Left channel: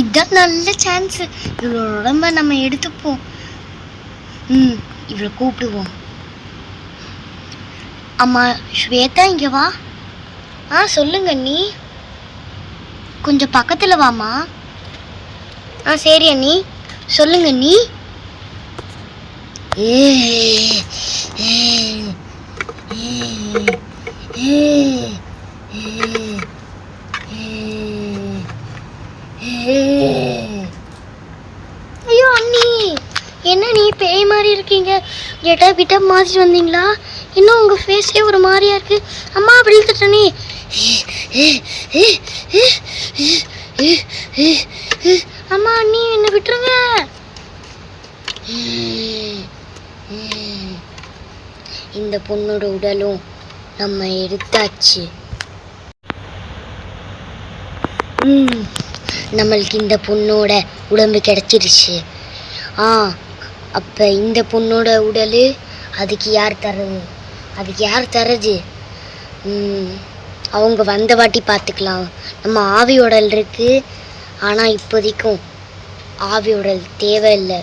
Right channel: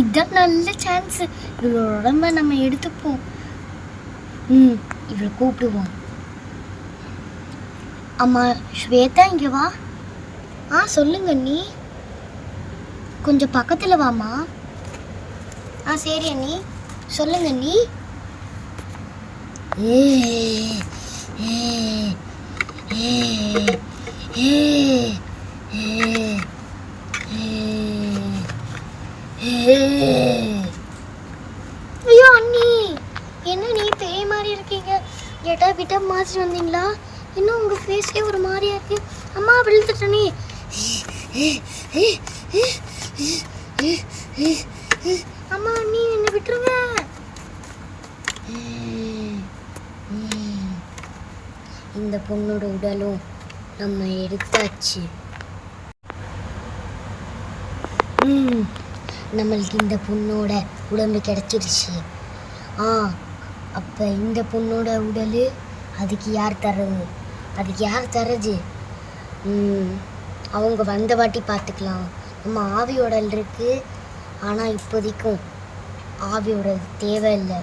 இதுதான் நல்ல சான்ஸ். இவளோட உடம்ப நம்ம எடுத்துப்போம். இவளை கூப்பிடுவோம். அம்மா ஸ்வேதா, இங்கே வா. சொல்லுங்க அண்ணி. கொஞ்சம் பக்கத்தில் வாம்மா. சரி அண்ணி, சொல்லுங்க அண்ணி. ஐயோ அண்ணி, என்ன நீ பேய் மாதிரி இருக்கீங்க? ஜெட்டா பிட்டா மாற்றிட்டு வந்தீங்களா? இன்னும் உங்கள் ஃபேஸே ஒரு மாதிரியா இருக்கு. அம்மா விழுந்துட்டனே. அம்மா அண்ணி என்னை விட்டுருங்க. இந்த பொண்ணோட உடலும் நம்ம எடுத்தாச்சு. நம்மளுக்கு இந்த பொண்ணோட உடம்பு கிடைச்சிருச்சு. அப்போ இந்த பொண்ணோட உடல் அதுக்கு யார் தர்றது? அவங்க வந்த வாட்டி பார்த்துக்கலாம். நம்ம ஆவி உடல் இருக்கு, ஆனால் இப்போதைக்கும் ஆவி உடல் தேவையில்லை.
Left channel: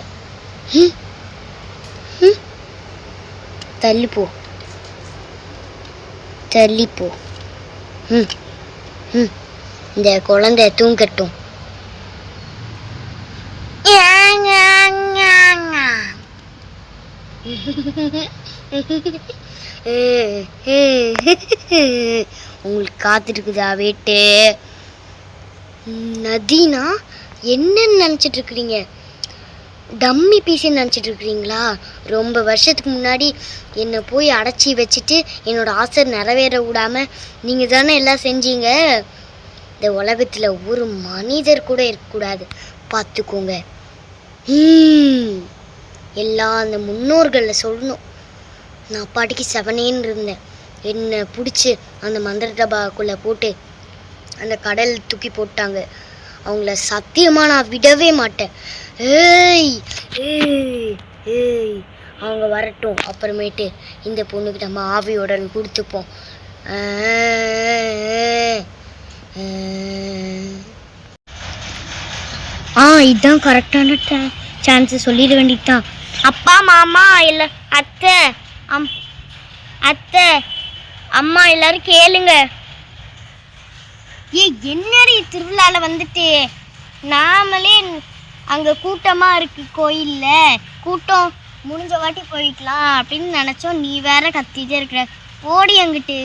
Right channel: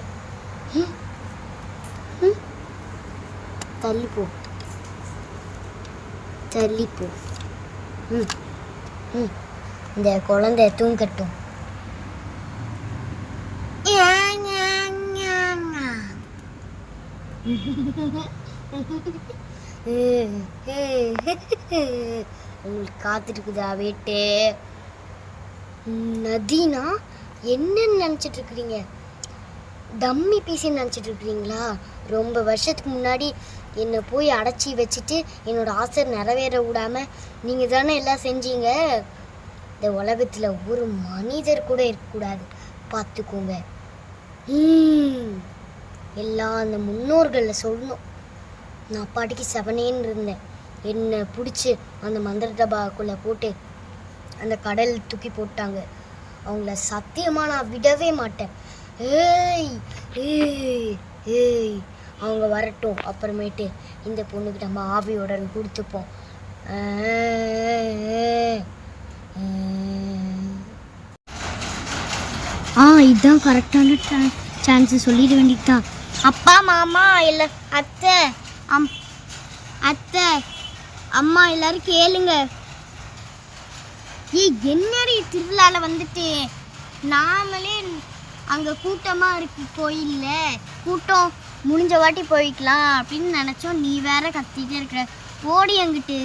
தள்ளிப்போ. இந்த குழந்தை தூங்கட்டும். உங்களுக்கு காத்துருக்குதா வேட்டு? நதினா என்னன்னு நினச்சிட்டு இருக்கிறீங்க? டம்மி பீஸுன்னு நினச்சிட்டு இருக்கிறீங்களா? ரொம்ப வருஷத்துக்கு முன்னாடி என்னை போய் அடைச்சி வச்சுட்டு என்னோட ஆசை நிறைவேற விடாமல் நீங்கள் தானே எல்லாம் செஞ்சீங்க. இந்த உலகத்தில் ஒரு மனிதர் கூட இருக்கக்கூடாது, பார்த்துக்கோங்க. எல்லாம் அந்த முன்னோர்களில் சொல்லணும். நான் பாட்டிக்கு செவனேன்னு இருந்தேன். என்னை பிடிச்சி அந்த மந்திர டபாக்குள்ளே போட்டு அந்த கடல் தூக்கி போட்டாங்க. அவங்கள சத்தியமாக நான் விடவே மாட்டேன். அவங்க வரட்டும். அப்புறமேட்டு இந்த பொண்ணுக்கு நம்ம ஆவியுடன் கொடுத்துப்போம். இதுதான் கரெக்டான சான்ஸ். சொல்லிட வேண்டியதுதான். அப்பா, மாமா, இல்லை அத்தை, அத்தை, அம்மா எல்லாரும் கேளுங்க. என்னடி திருவிழாவில் வந்துட்டு நாமளே அங்கே கூட்டமாக இருக்கு கோயிலில், கூட்டம் முடிஞ்ச வாட்டி போய்க்கலாம் அப்படின்னு நினச்சோம். நீ வேற கத்திட்டே இருக்கிற. ஓடி அங்கிட்டு.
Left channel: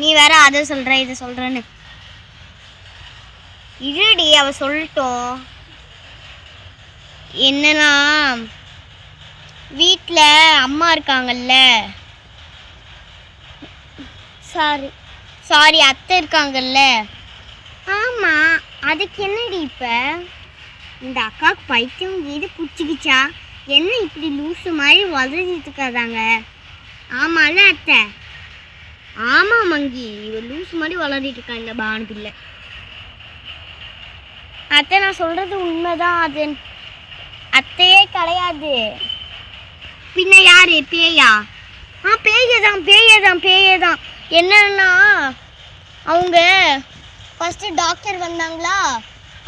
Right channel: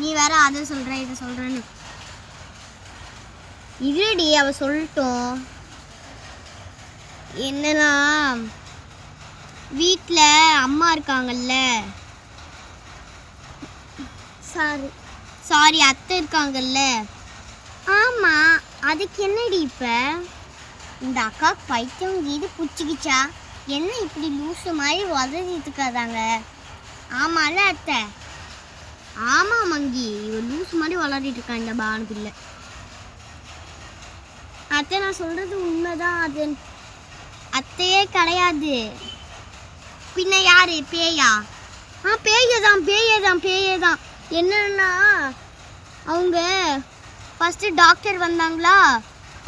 நீ வேற அதை சொல்கிற இதை சொல்கிறேன்னு. இருடி, அவ சொல்லட்டும். என்னன்னா, வீட்டில் அம்மா இருக்காங்கல்ல, சாரி அத்தை இருக்காங்கல்ல. ஆமாம், அதுக்கு என்னடி இப்போ? இந்த அக்காவுக்கு பைத்தியம் இது பிடிச்சிக்கிச்சா என்ன? இப்படி லூசு மாதிரி வளர்ந்துட்டு இருக்காதாங்க. ஆமாம்ல அத்தை? ஆமாம் மங்கி, இவள் லூசு மாதிரி வளர்ந்துட்டு இருக்கா இந்த பானு பிள்ளை. அத்தை நான் சொல்கிறது உண்மைதான். அது அத்தையே கிடையாது. பின்ன யார்? பேயா? பேயதான். என்னன்னா, அவங்க ஃபஸ்ட்டு டாக்டர் வந்தாங்களா,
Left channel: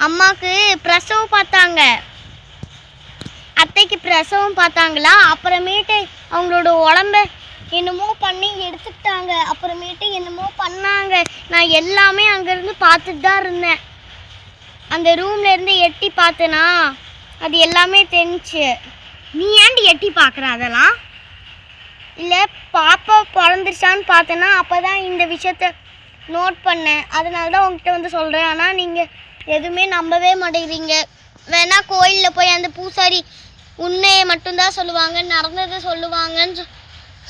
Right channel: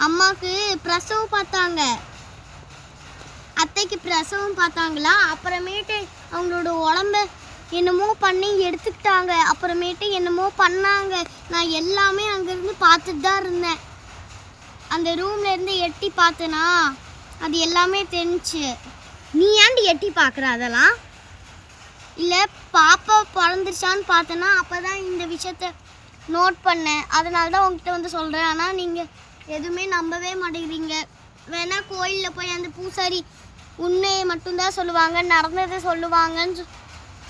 அம்மாவுக்கு பிரசவம் பார்த்தாங்க, அத்தைக்கு பிரசவம் பார்த்தாங்களா. அப்புறமேட்டு அவங்களோட உடம்ப என்னமோ பண்ணி எடுத்துக்கிட்டாங்க. அப்புறமேட்டு என்னமோ பண்ணாங்க. நான் எல்லாமே அங்கேருந்து பார்த்துட்டு தான் இருந்தேன். அந்த ரூம்லேருந்து எட்டி பார்த்தேனா அது எல்லாமே தெரிஞ்சிச்சு. நீ ஏன்டி எட்டி பார்க்குற அதெல்லாம்? இல்லை, பாப்பா பிறந்துருச்சான்னு பார்த்தேன்னா அப்போ தான் இந்த விஷயத்த நோட் பண்ணேன். அதனால தான் உங்ககிட்ட வந்து சொல்கிறேன். ஆனால் நீங்கள் எதுவுமே நம்பவே மாட்டேங்கிறீங்க. வேணா கோயிலில் போய் அந்த பூசாரி உண்மையை மட்டும்தான் சொல்லுவாங்க, நடந்ததை சொல்லுவாங்கன்னு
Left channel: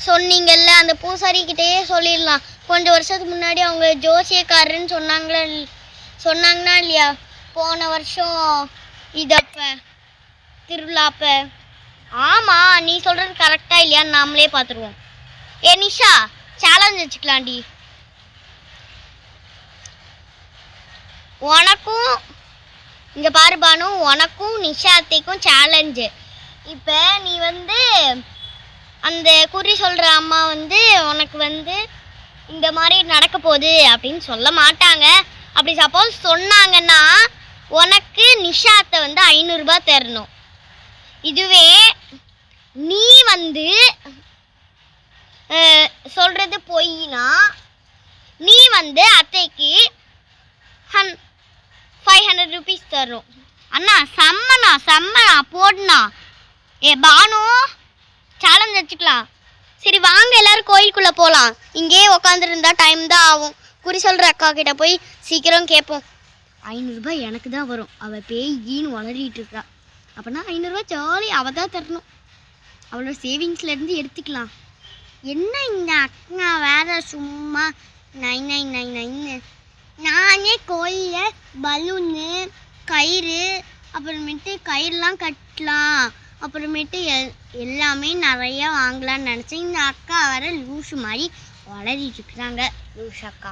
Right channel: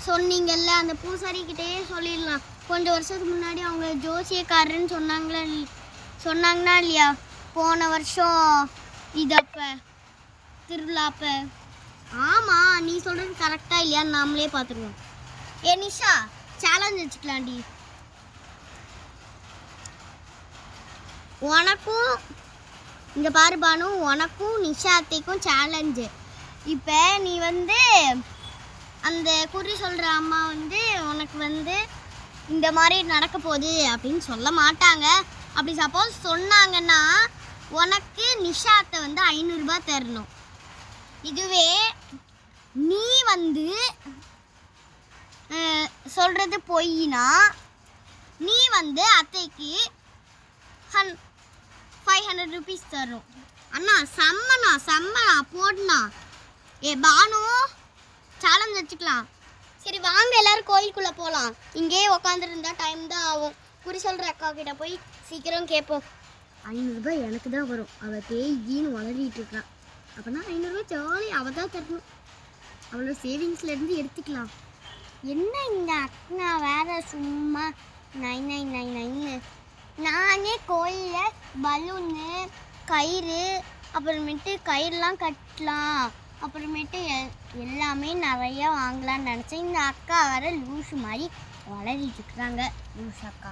சொன்னீங்கல்ல, அந்த பூசாரிக்கிட்டேயே சொல்லிடலாம். கொஞ்சம் வருஷத்துக்கு முன்னாடி அவங்க ஜோசியக்காரன்னு சொன்னாங்கன்னா இல்லையா, போன வருஷம் இதப்போ திருவிழாப்ப. ஆமாம், நீ சொல்கிறது கரெக்டாக இல்லையான்னு நாமளே பார்த்துருவோம். நிஷா, சேலஞ்ச் வச்சுக்கலாண்டி. உனக்கும் இங்கே பாரு பானு, உனக்கும் நிஷா அத்தைக்கும் சேலஞ்சு. இப்போ நீ வந்து அந்த குறி சொல்கிற அம்மா வந்து உனக்கு வந்து இந்த மாதிரி நடக்க போகுது அப்படின்னு சொல்ல மாட்டாங்க. அப்படி சப்போஸ் சொன்னாங்கன்னா உனக்கு நிஷாத்தை வந்து 500 ரூபாய் தரணும். இதுவே நீ வந்து சொல்கிறது பொய்னா நீ வந்து அத்தைக்கு 500 ருபீஸ் தரும். அண்ணா செம்மண்ணா போடுண்ணா. பானு சேலஞ்ச் வச்சுக்கலாம். சரி வாங்க எல்லாரும் கோயிலுக்குள்ளே போகலாம். இங்கேயே உக்காந்துருந்தா டைம் தான் ஆகும். குறி சொல்கிற அக்கா கிட்ட போய் சீக்கிரம் கேட்போம். 500 ரூபாய் எனக்கு தான் வரும். அவள் பேய்கின்னு வளரிட்டு இருக்கா. அப்படின்னா 500 ரூபாய் ஜாலி அவள் தான் தரணும். அவளோட சேவிங்ஸ்லேருந்து எடுத்துக்கலாம். என்ன இந்த அக்கா வேற சும்மா நைன்னு நானே கோயிலில் பலூனு கயிறு அப்புறமேட்டு கயிறுலாம் கட்டலாம் அப்புறமேட்டு எல்லாமே நிறையா வாங்கலான்னு நினச்சேன். இந்த அக்கா வேற லூஷு மாதிரி வளரிட்டு இருக்கிறாங்க. லூஷ் அக்கா.